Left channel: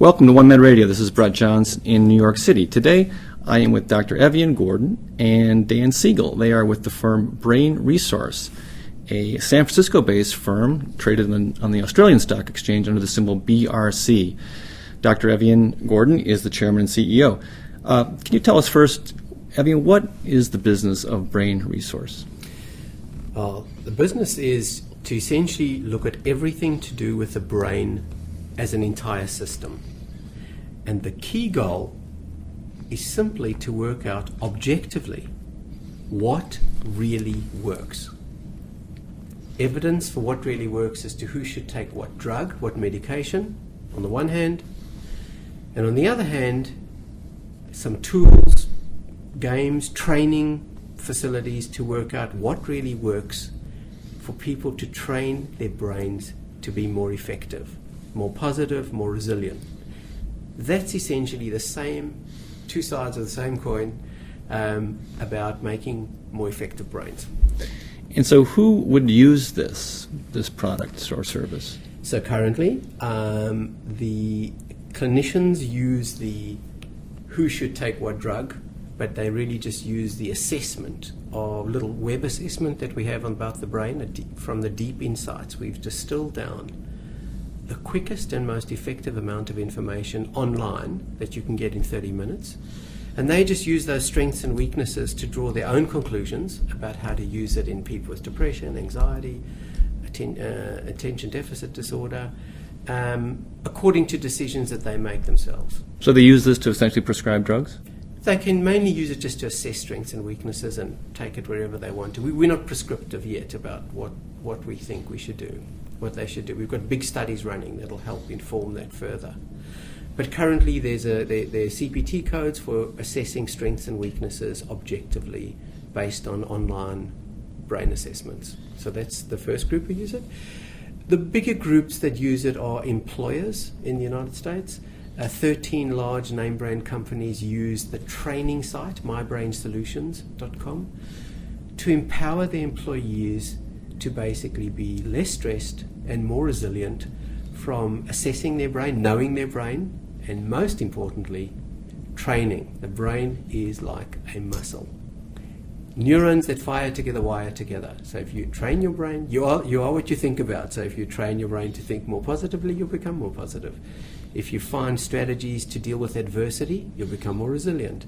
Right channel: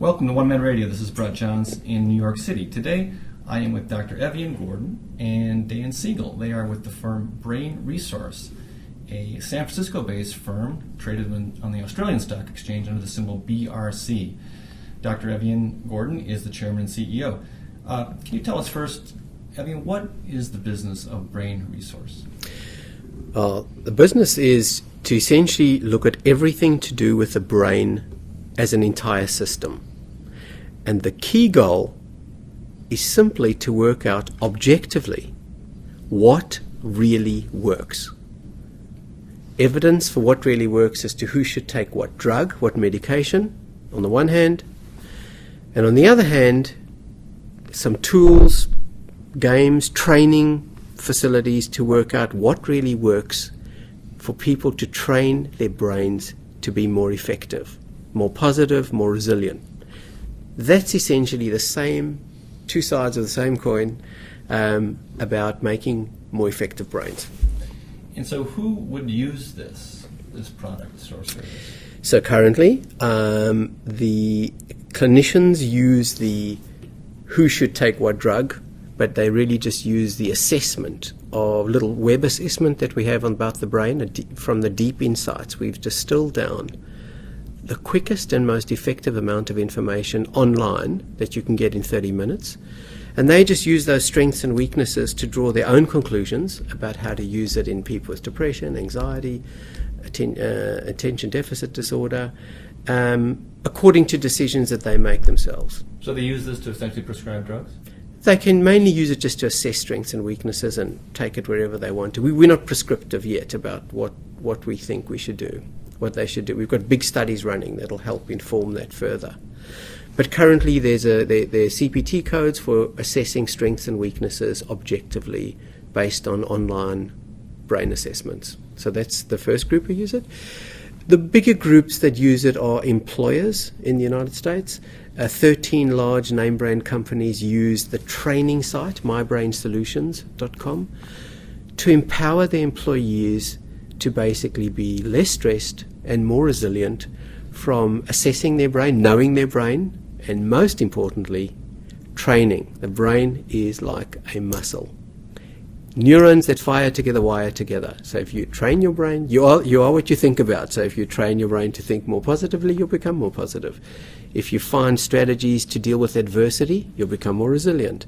Welcome to OneMedRadio. This is Brett Johns in New York City. Today, I am with Dr. Evian Gordon and Dan Segal. They are with the firm Brain Resource, a San Francisco-based firm traded on the Australian Stock Exchange under the symbol BRC. Dr. Evian Gordon is the chairman and CEO. Can you tell us first, Evian, what is the business of Brain Resource? The business is to essentially look at everything to do with the brain as an entire system. And the key goal is simply to work out objectively what really works. Evidence for what really works as to who should take what drug, what medication, on the one hand, and on the other hand, some tools, games, training facilities to work out what really works for people to train their brains to be more effective, more positive, more resilient. That's essentially the same, two sides of the same coin, about making more effective brains. And so who would use this product or service? So currently, the clinicians use the who should take what drug, but they really just use the assessment of little web assessment that we have about the brain. From the deep insights, we've distilled down the quickest and most effective amount of information online that you can get in 30 minutes. And they just use those strengths and weaknesses to draw their own conclusions about how to use it in people with depression, anxiety, attention deficit disorder, according to decisions that they make themselves. So they use this to essentially prescribe drugs? They can mainly use it just to assess strengths and weaknesses and take it wherever they want to. We're not prescriptive yet about what we think we should do, what they should do. We've got big studies running that'll help inform that further. But currently there are CPT codes for assessing strengths and weaknesses objectively based on online brain assessments. So that's the first group who use it. The bigger groups that use it are employers in the United States. 13 large name brand companies use the training site, mybrainsolutions.com, to empower their employees to basically be less stressed and more resilient from assessing their brain, knowing their brain, and most importantly, training. The brain is like a muscle. Neurons that fire together wire together. So if you train your brain, you are what you think about. So if you train your brain to think more positively, you'll become more positive. If you find strategies to deal with adversity, you'll become more resilient.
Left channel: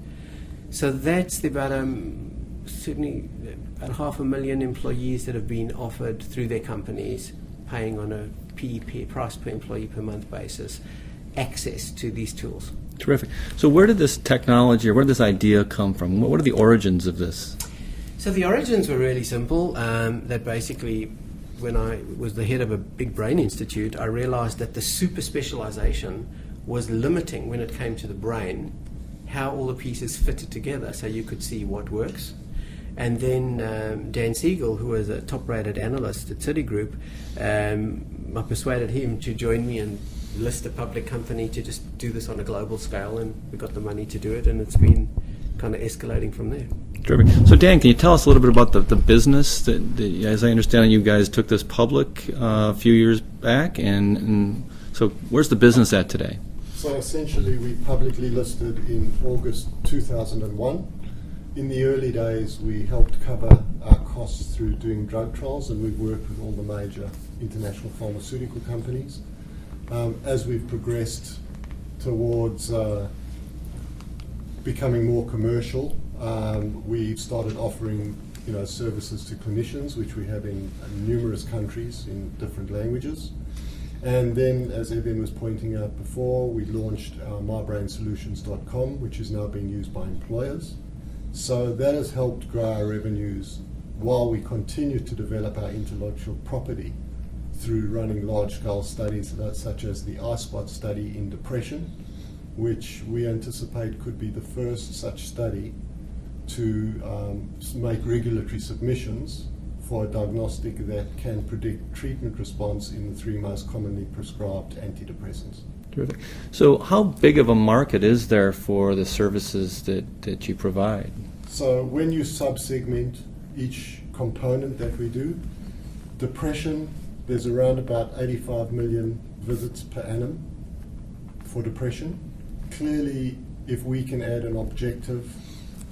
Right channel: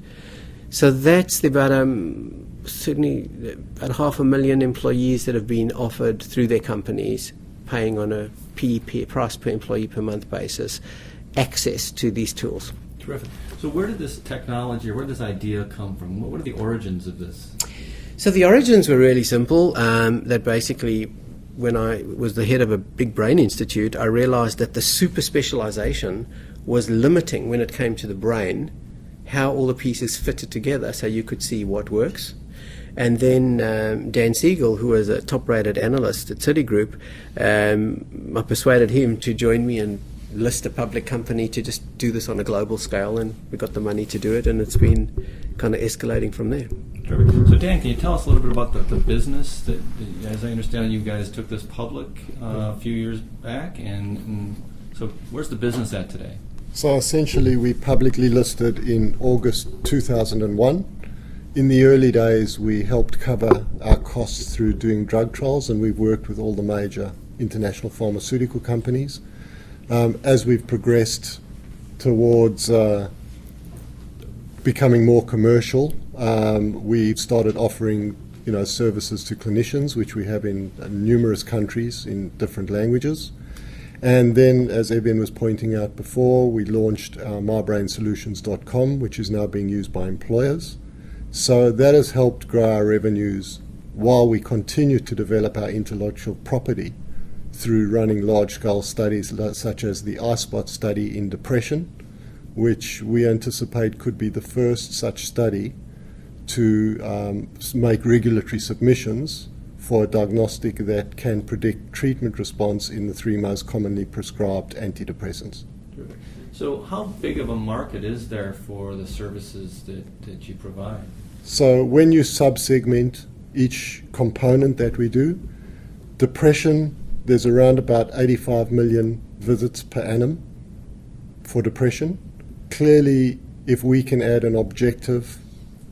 So that's certainly about 500,000 employees that have been offered through their companies, paying on a price per employee per month basis, access to these tools. Terrific. So where did this technology or where did this idea come from? What are the origins of this? So the origins were really simple, that basically when I was the head of a big brain institute, I realized that the super specialization was limiting when it came to the brain, how all the pieces fitted together so you could see what works. And then Dan Segal, who was a top-rated analyst at Citigroup, I persuaded him to join me and list a public company to just do this on a global scale, and we got the money to do it, and it's been kind of escalating from there. Terrific. So Dan, can you tell us a little bit about the business that as I understand it, you guys took this public a few years back, and so where's the business at today? So essentially we publicly listed in August 2001. In the early days we helped cover our costs through doing drug trials, and we've worked with all the major international pharmaceutical companies. As we've progressed towards becoming more commercial, we've started offering services to clinicians, which we have in numerous countries in different languages. And then, as Evian was pointing out before, we launched our mybrainsolutions.com, which is now being used by employers. So that has helped grow our revenues while we continue to develop our intellectual property through running large-scale studies such as the iSpot study in depression, which we anticipate could be the first such study to make regulatory submissions for a diagnostic that can predict treatment response in the 3 most commonly prescribed antidepressants. Terrific. So how big of a market is there for the services that you provide? So when you sub-segment each component that we do, depression, there's around about 85 million visits per annum for depression. Clearly, if we can add an objective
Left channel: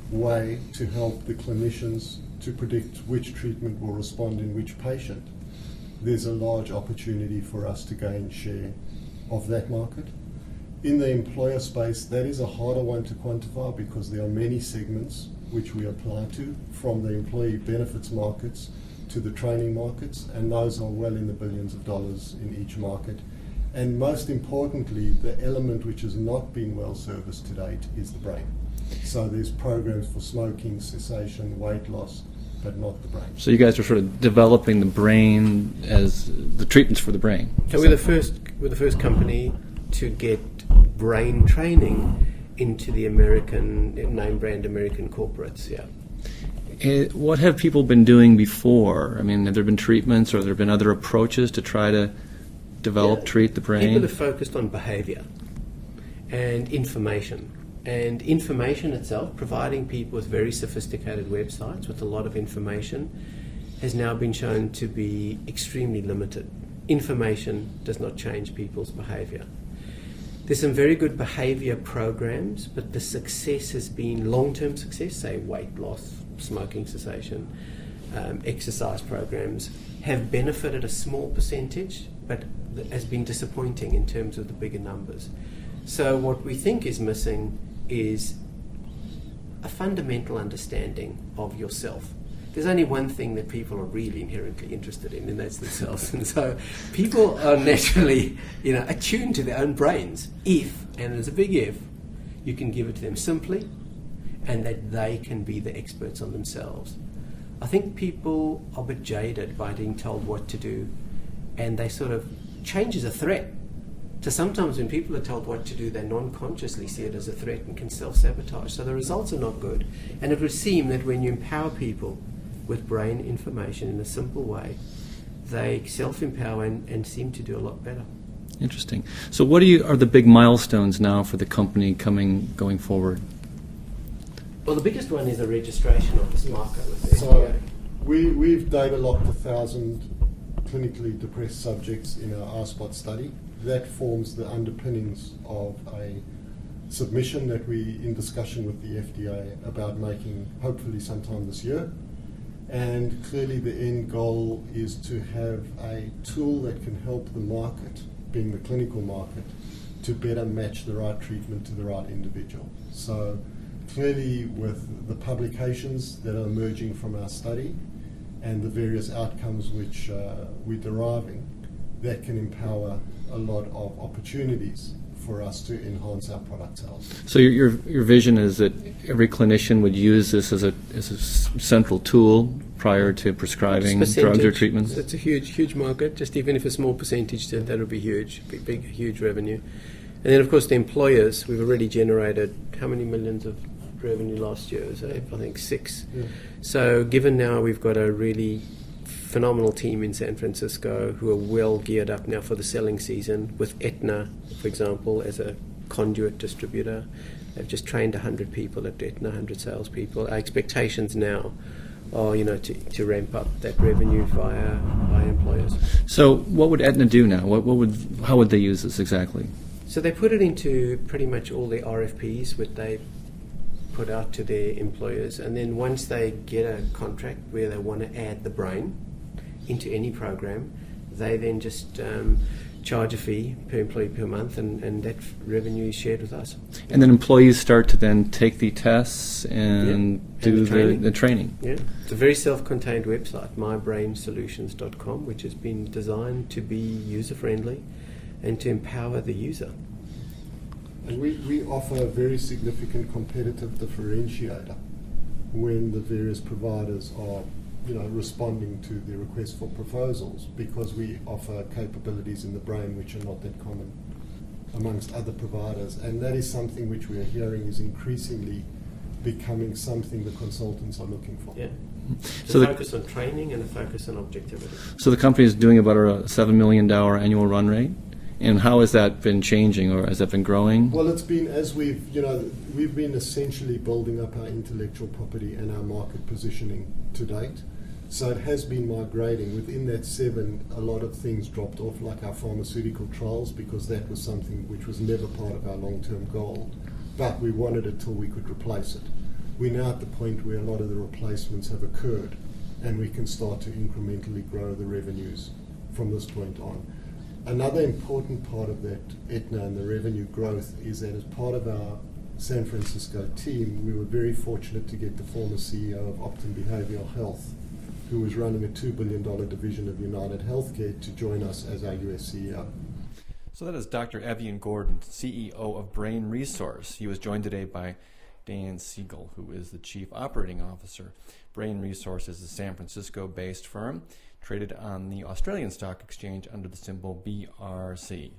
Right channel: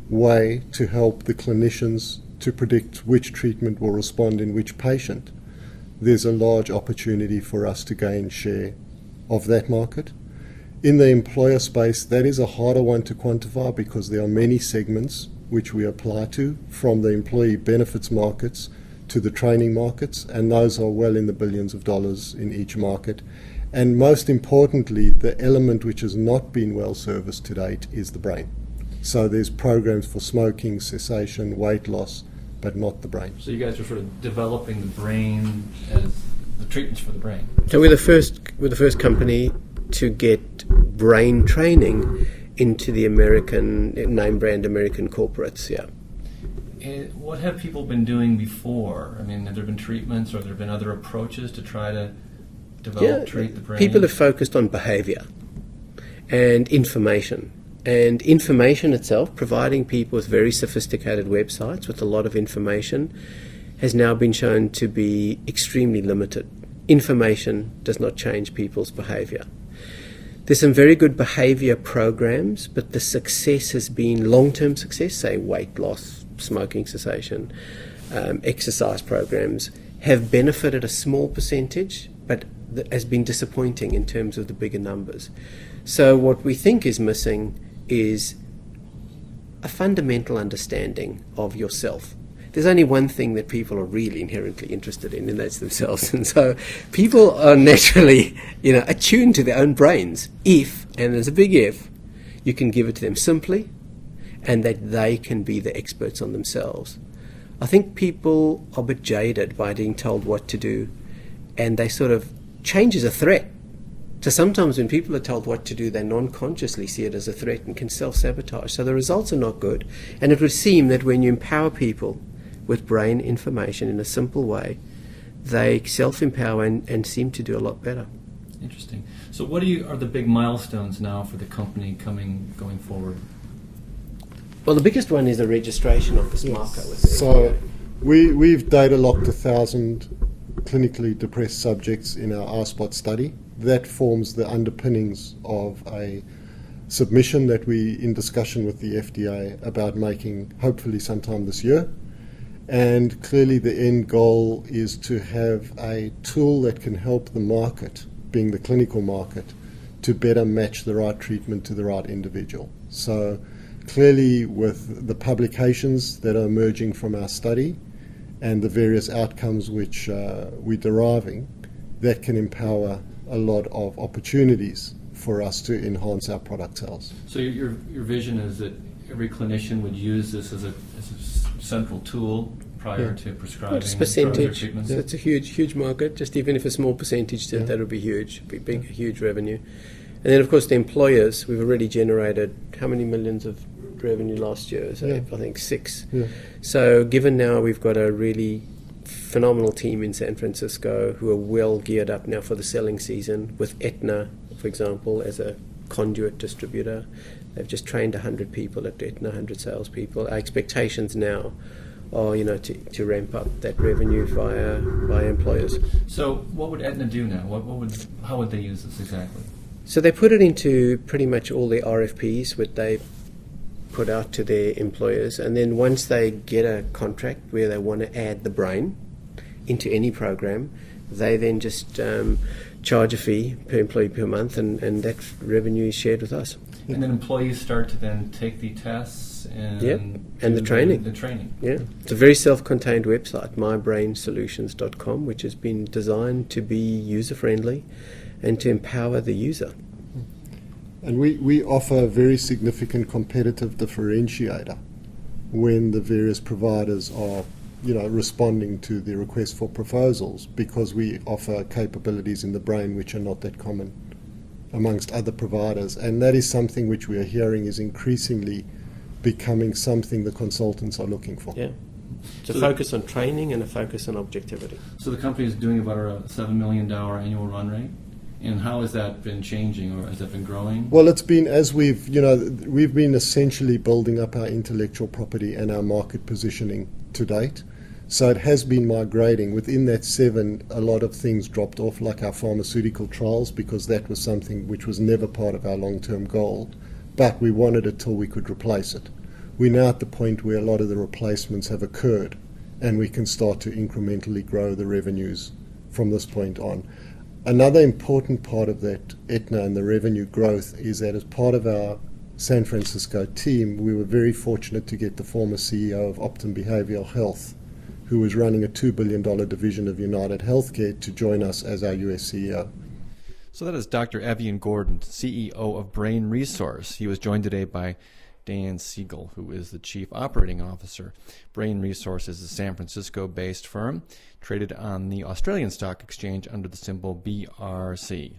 way to help the clinicians to predict which treatment will respond in which patient, there's a large opportunity for us to gain share of that market. In the employer space, that is a harder one to quantify because there are many segments which we apply to, from the employee benefits markets to the training markets, and those are well in the billions of dollars in each market. And most importantly, the element which has not been well serviced to date is the brain. So there's programs for smoking, cessation, weight loss, but not the brain. So you guys are sort of developing the brain as the treatments for the brain. So we're the first company to get brain training into the American name brand American corporates. Yeah. What have people been doing before? I mean, have there been treatments or have there been other approaches to try to develop, treat the brain? People have focused on behavior and information. And information itself, providing people with very sophisticated websites with a lot of information, has now been shown to be extremely limited. Information does not change people's behavior. There's some very good behavior programs, but the success has been long-term success, say weight loss, smoking cessation, exercise programs, have benefited a small percentage, but has been disappointing in terms of the bigger numbers. So what we think is missing is a fundamental understanding of yourself. There's only one thing that people are really inherently interested in, and that's themselves. And so people are naturally, attuned to their own brains if, and there's a big if, you can give it to them simply and that they can be the experts on themselves. I think people are a bit jaded by being told what to do, and they sort of change as a threat. So sometimes when people are told what to do, they non-consciously see it as a threat and can self-sabotage. So the results are not good. And it would seem that when you empower people with brain information in a simple way, they self-empower and seem to do a lot better. Interesting. So what are the big milestones now for the company going forward? Well, the biggest one is the registration of this marker with the So FDA. we've data locked 1,000 clinically depressed subjects in our R-Spot study. That forms the underpinnings of a submission that we're in discussion with the FDA about making hopefully sometime this year. And clearly the end goal is to have a tool that can help the market, being the clinical market, to better match the right treatment to the right individual. So clearly with the publications that are emerging from our study and the various outcomes which we're deriving, that can empower a lot of opportunities for us to enhance our product sales. So your vision is that every clinician would use this as a central tool prior to prescribing drugs or treatments? It's a huge market. Just even if a small percentage, that would be huge, huge revenue. And then, of course, the employers, we've already generated how many millions of revenue last year? I think 6. Yeah. So given now we've got a really phenomenal team in San Francisco who are well geared up now for the selling season, with Aetna, for example, as a conduit distributor. They've just trained 100 people at Aetna, 100 salespeople. Our expectations now are, to ramp up that revenue via employers. So what would Aetna do now? How would they use this exactly? So they put it into pretty much all their RFPs, which they put out to their employers, and then once they get a contract where they want to add the brain into any program, they then just charge a fee per employee per month, and that revenue is shared with us. And then employees start to then take the tests and the training. The training. Yeah, it's a very self-contained website, mybrainsolutions.com, which has been designed to be user-friendly and to empower the user. And we offer a very significant competitive differentiator when the various providers are responding to the request for proposals, because we offer capabilities in the brain which are not that common amongst other providers. And that is something which we are hearing is increasingly becoming something the consultants are looking for. Yeah. So focus on training and a focus on objectivity. So the company is doing about a $7 million annual run rate. And how has that been changing, or has that been growing? Well, it's been as we've been essentially building up our intellectual property and our market positioning to date. So it has been migrating. Within that 7, a lot of things dropped off, like our pharmaceutical trials, because that was something which was never part of our long-term goal. But we wanted it till we could replace it. We're now at the point where a lot of the replacements have occurred, and we can start to incrementally grow the revenues from this point on. Another important part of that Aetna and the revenue growth is that as part of our San Francisco team, we were very fortunate to get the former CEO of Optum Behavioral Health, who was running a $2 billion division of United Healthcare, to join us as our US CEO. So that is Dr. Evian Gordon, CEO of Brain Resource. He was joined today by Dan Segal, who is the Chief Operating Officer. Brain Resource is a San Francisco-based firm traded on the Australian Stock Exchange under the symbol BRC.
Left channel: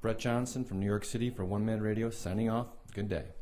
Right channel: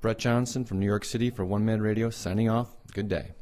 Brett Johnson from New York City for OneMedRadio signing off. Good day.